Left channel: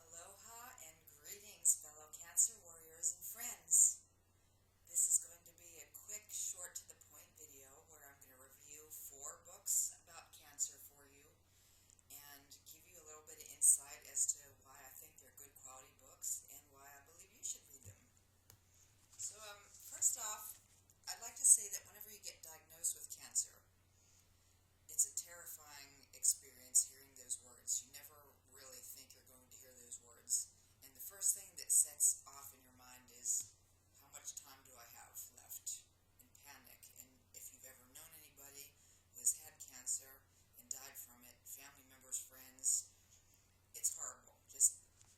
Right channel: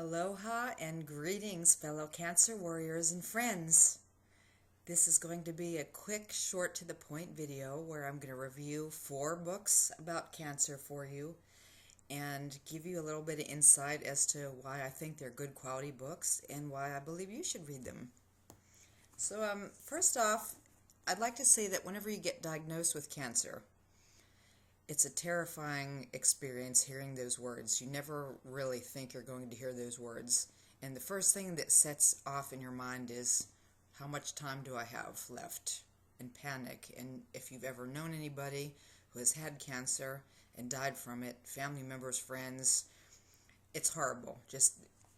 Aloha and greetings, fellow Cancer warriors and friends. This is going to be a quick, short to the point video where I'm going to review 4 books about cancer for you and give you a little bit of insight as to why I think they're good quality books and why I believe you should read them. So first off, I'd like to say that whenever you get diagnosed with cancer, it's a terrifying experience hearing those words. You never really think you're going to hear those words. And the first thing that sets off in your mind is, how much time do I have left? And panic. And if you've ever known anybody who has had cancer and died from it, family members, friends, it's horrible. Just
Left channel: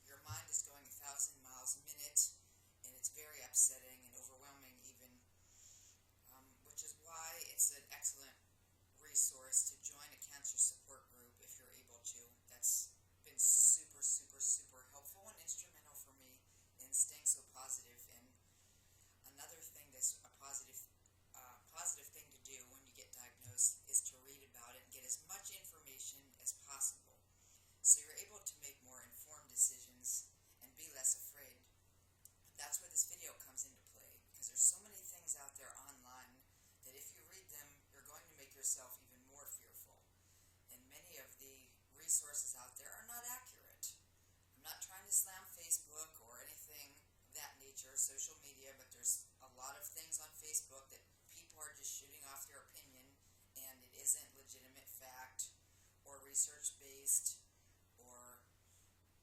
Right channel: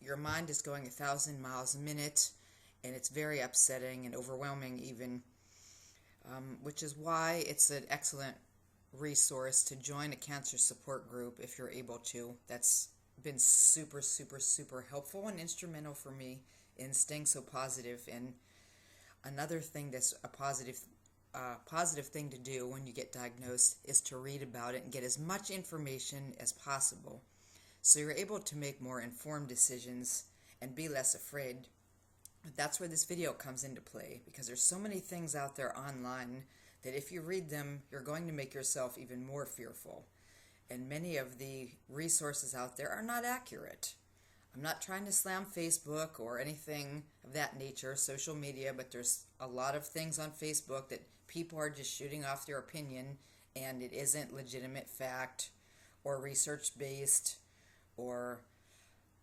your mind is going 1,000 miles a minute, and it's very upsetting and overwhelming even, which is why it's an excellent resource to join a cancer support group if you're able to. That's been super helpful and instrumental for me in staying so positive. And another thing that's a positive thing to do when you get diagnosed is to read about it and get as much information as possible so you're able to make more informed decisions and be less afraid. That's where this video comes into play, because there's so many things out there online that if you read them, you're going to make yourself even more fearful. And many of the resources out there are not accurate. I'm not trying to slam Facebook or anything of that nature, social media, but there's a lot of things on Facebook that people are just shooting off their opinion, and it isn't legitimate fact or research-based or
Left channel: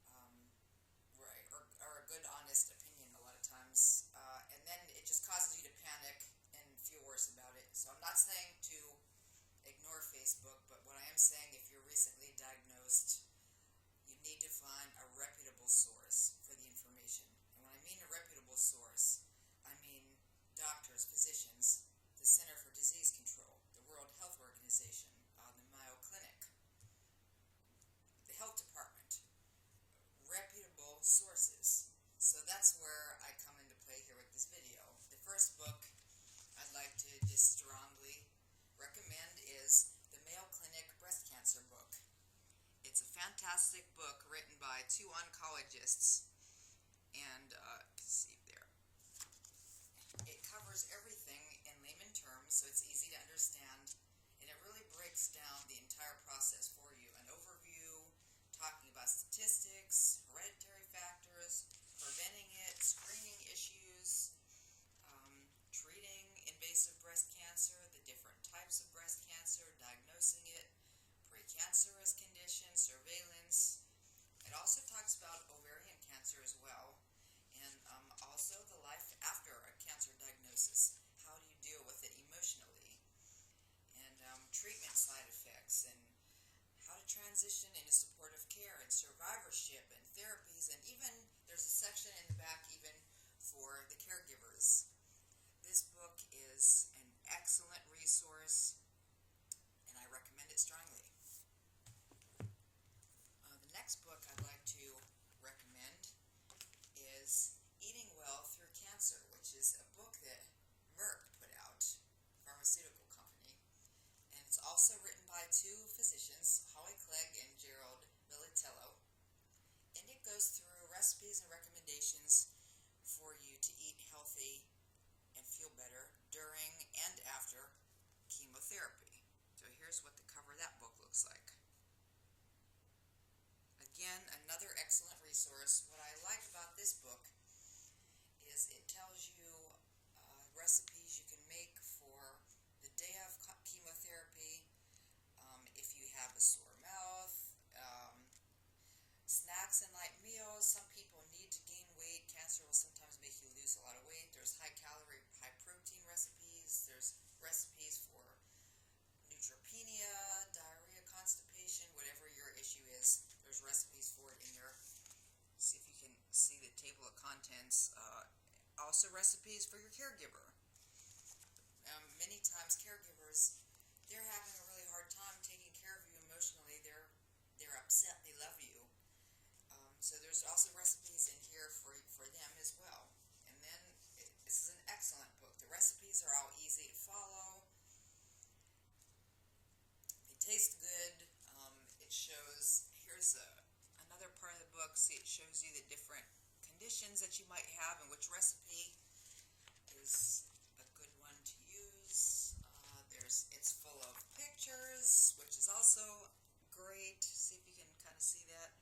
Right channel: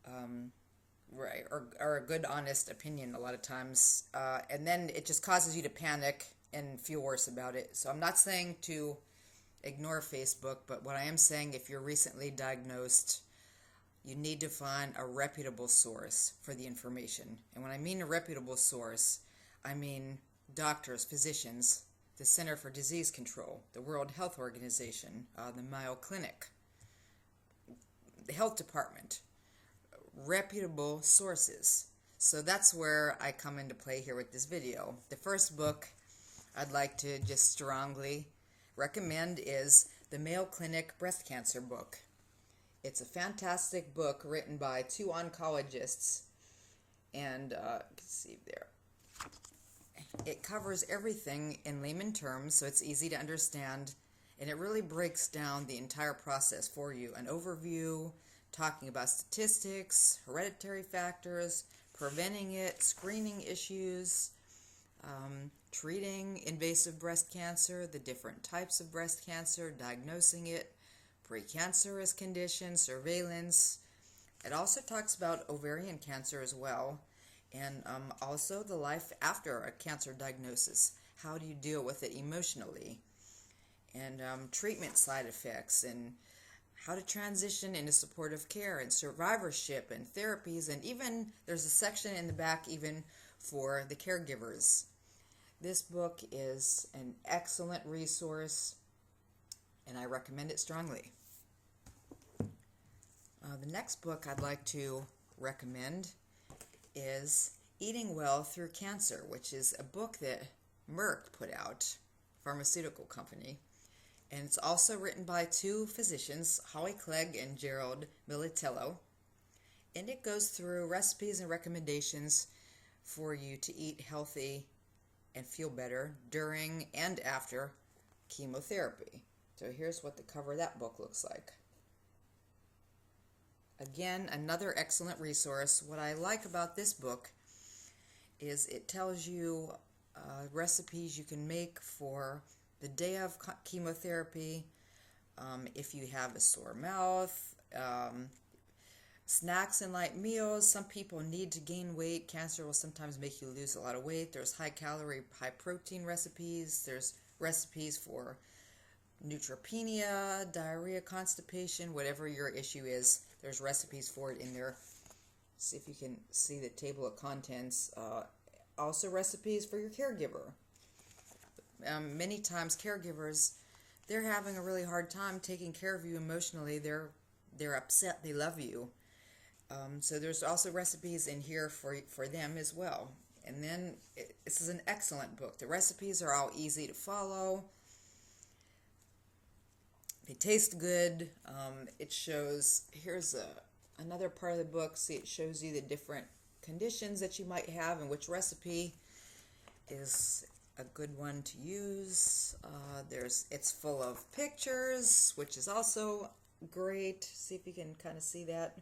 a good, honest opinion a lot of times. And then it just causes you to panic and feel worse about it. So I'm not saying to ignore Facebook, but what I am saying, if you're recently diagnosed, you need to find a reputable source for the information. And when I mean a reputable source, I mean doctors, physicians, the Center for Disease Control, the World Health Organization, the Mayo Clinic, the health department, reputable sources. So that's where I come into play here with this video. The first book I'd like to just strongly recommend is the Mayo Clinic Breast Cancer book. It's a fantastic book written by 2 oncologists, and you can see there. It covers everything in layman terms, so it's easy to understand, and it really breaks down the entire process for you. An overview, talking about statistics, hereditary factors, preventing it, screening issues, treating invasive breast cancer, the different types of breast cancer, diagnosing it, precancerous conditions, surveillance. It also talks about ovarian cancer as well, and also the life after a cancer diagnosis. How do you deal with it emotionally? And treatment side effects, and how to transition into supportive care and survivorship and therapies, and even there's a section in the back even for the caregivers. This book is an excellent resource, and I recommend it strongly. The next book I'd like to recommend is Eating Well Through Cancer, which is a book that Merck put out, pharmaceutical company. And it's also written by 2 physicians, Clegg and Gerald Miletello. And it goes through recipes and recommendations for you to eat healthy and feel better during and after chemotherapy. So here's what the cover of that book looks like. Again, another excellent resource. What I like about this book is it tells you recipes you can make for the day of chemotherapy, if you have a sore mouth, snacks and light meals. Some people need to gain weight. Cancer will sometimes make you lose a lot of weight. There's high calorie, high protein recipes. There's recipes for neutropenia, diarrhea, constipation, whatever your issue is. There's recipes for it in there. See if you can see the table of contents. Also recipes for your caregiver. Many times caregivers, they're having a really hard time taking care of you emotionally. They're upset. They love you. So there's also recipes in here for them as well. And then this is an excellent book. The recipes are all easy to follow. They taste good. It shows, here's a another part of the book, see, it shows you the different conditions that you might have and which recipe is a good one to use. It's full of pictures, which is also great. See if you can kind of see that.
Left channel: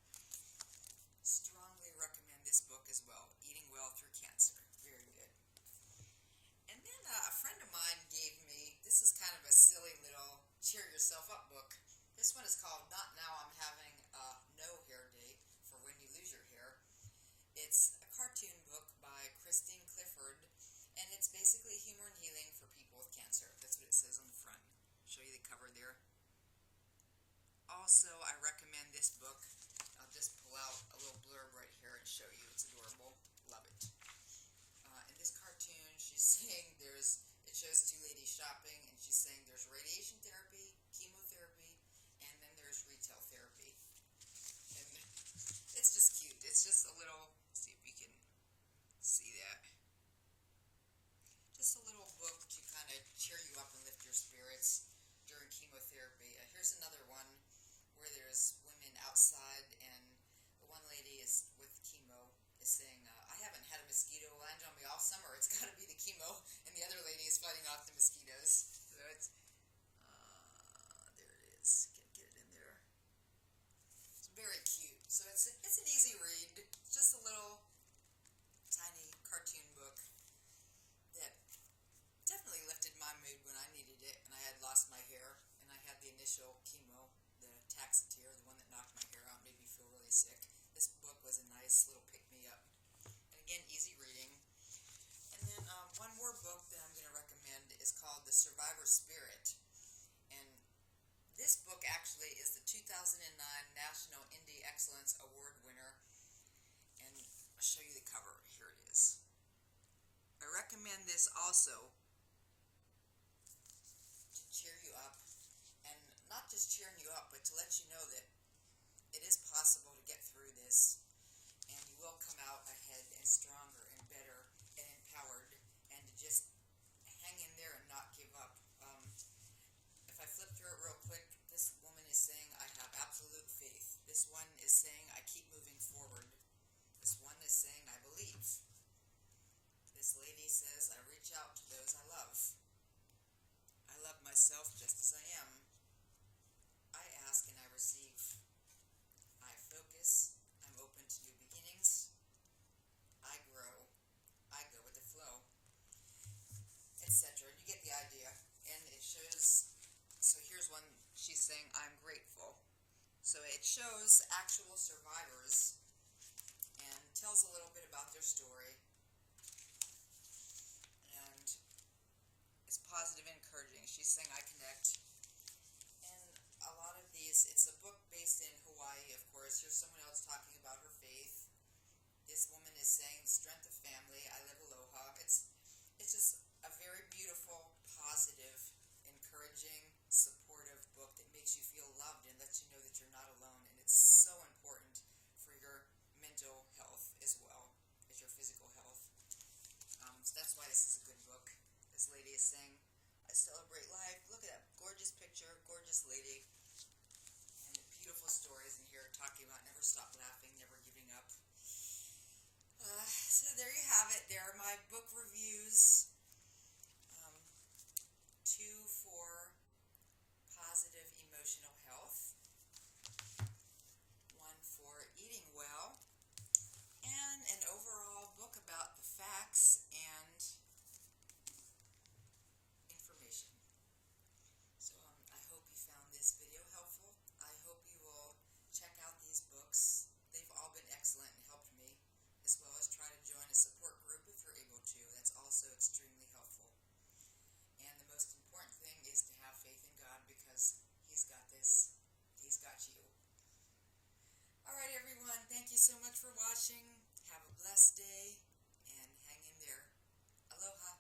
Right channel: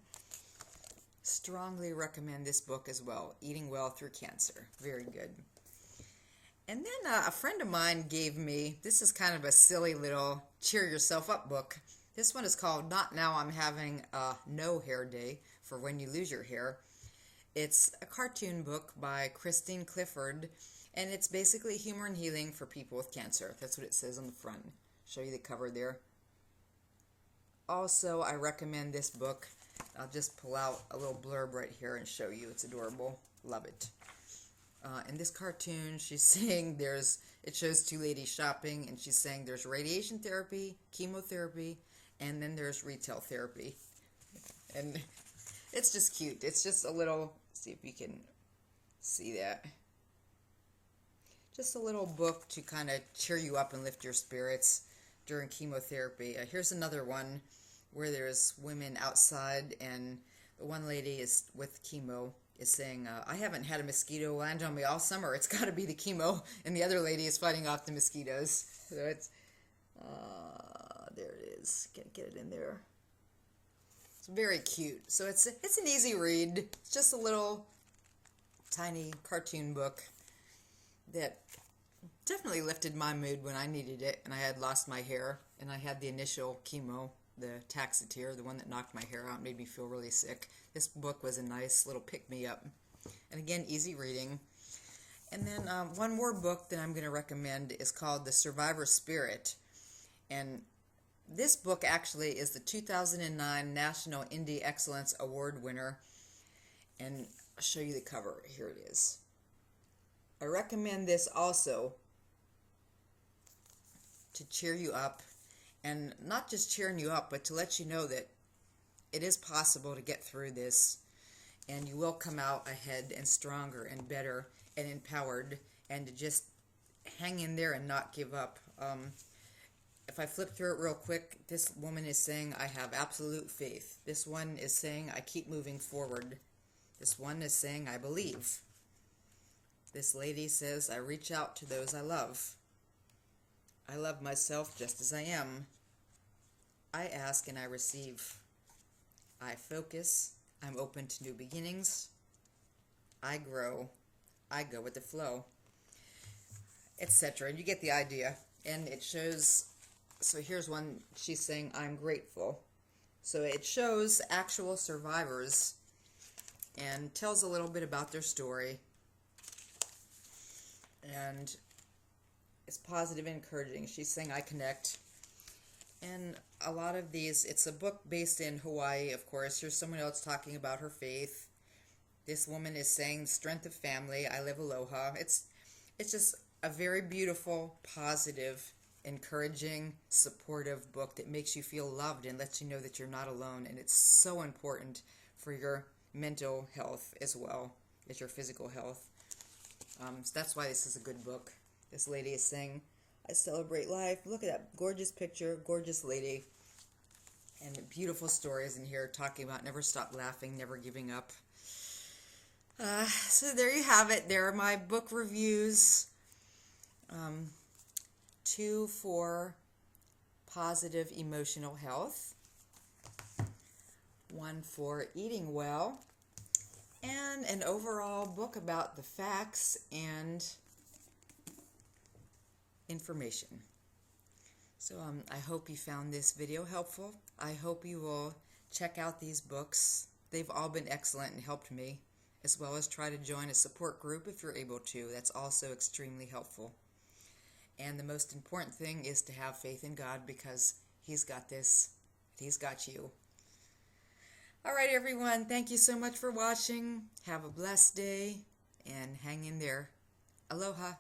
Strongly recommend this book as well. Eating Well Through Cancer. Very good. And then a friend of mine gave me, this is kind of a silly little cheer yourself up book. This one is called Not Now I'm Having a No Hair Day for When You Lose Your Hair. It's a cartoon book by Christine Clifford, and it's basically humor and healing for people with cancer. That's what it says on the front. Show you the cover there. Also, I recommend this book. I'll just pull out a little blurb right here and show you. It's adorable. Love it. In this cartoon, she's saying it shows two ladies shopping, and she's saying there's radiation therapy, chemotherapy, and then there's retail therapy. And it's just cute. It's just a little, see if you can see that. Just a little book to kind of cheer you up and lift your spirits during chemotherapy. Here's another one where there's women outside, and the one lady is with chemo is saying, I haven't had a mosquito land on me all summer. It's got to be the chemo. And the other lady is fighting off the mosquitoes. So it's, there it is. Can't get it in there. It's very cute. So it's an easy read. It's just a little tiny cartoon book that definitely lifted my mood when I needed it, and I had lost my hair, and I had the initial chemo, the Taxotere, the one that knocked my hair out, made me feel really sick. This book was a nice little pick-me-up, and again, easy reading. And then one more book that I'm going to recommend is called The Survivor Spirit, and this book actually is the 2009 National Indie Excellence Award winner, and I'll show you the cover. Here it is. I recommend this also to cheer you up, and not just cheering you up, but to let you know that it is possible to get through this, and you will come out ahead and stronger and better and empowered, and to just hang in there and not give up. If I flip through it real quick, this woman is saying, I have absolute faith. This one is saying, I keep moving forward. This one is saying, I believe. This lady says, I reach out to those I love. I love myself just as I am. I ask and I receive. I focus. I'm open to new beginnings. I grow. I go with the flow, etc. And you get the idea. And it shows, so here's one, she's saying, I'm grateful. So it shows actual survivors and tells a little bit about their story. And it's positive and encouraging. She's saying, I connect. And a lot of these, it's a book based in Hawaii, of course. Here's someone else talking about her faith. This woman is saying, strength of family, I live aloha. It's just a very beautiful, positive, encouraging, supportive book that makes you feel loved and lets you know that you're not alone. And it's so important for your mental health as well as your physical health. So that's why this is a good book. This lady is saying, I celebrate life. Look at that gorgeous picture, gorgeous lady. And beautiful stories in here talking about never stop laughing, never giving up. So there you have it. There are my book reviews. 2 for positive emotional health. 1 for eating well. And an overall book about the facts and information. So I hope you found this video helpful. I hope you will check out these books. They've all been excellent and helped me, as well as try to join a support group if you're able to. That's also extremely helpful. And the most important thing is to have faith in God, because He's got this. He's got you. All right, everyone. Thank you so much for watching. Have a blessed day and hang in there. Aloha.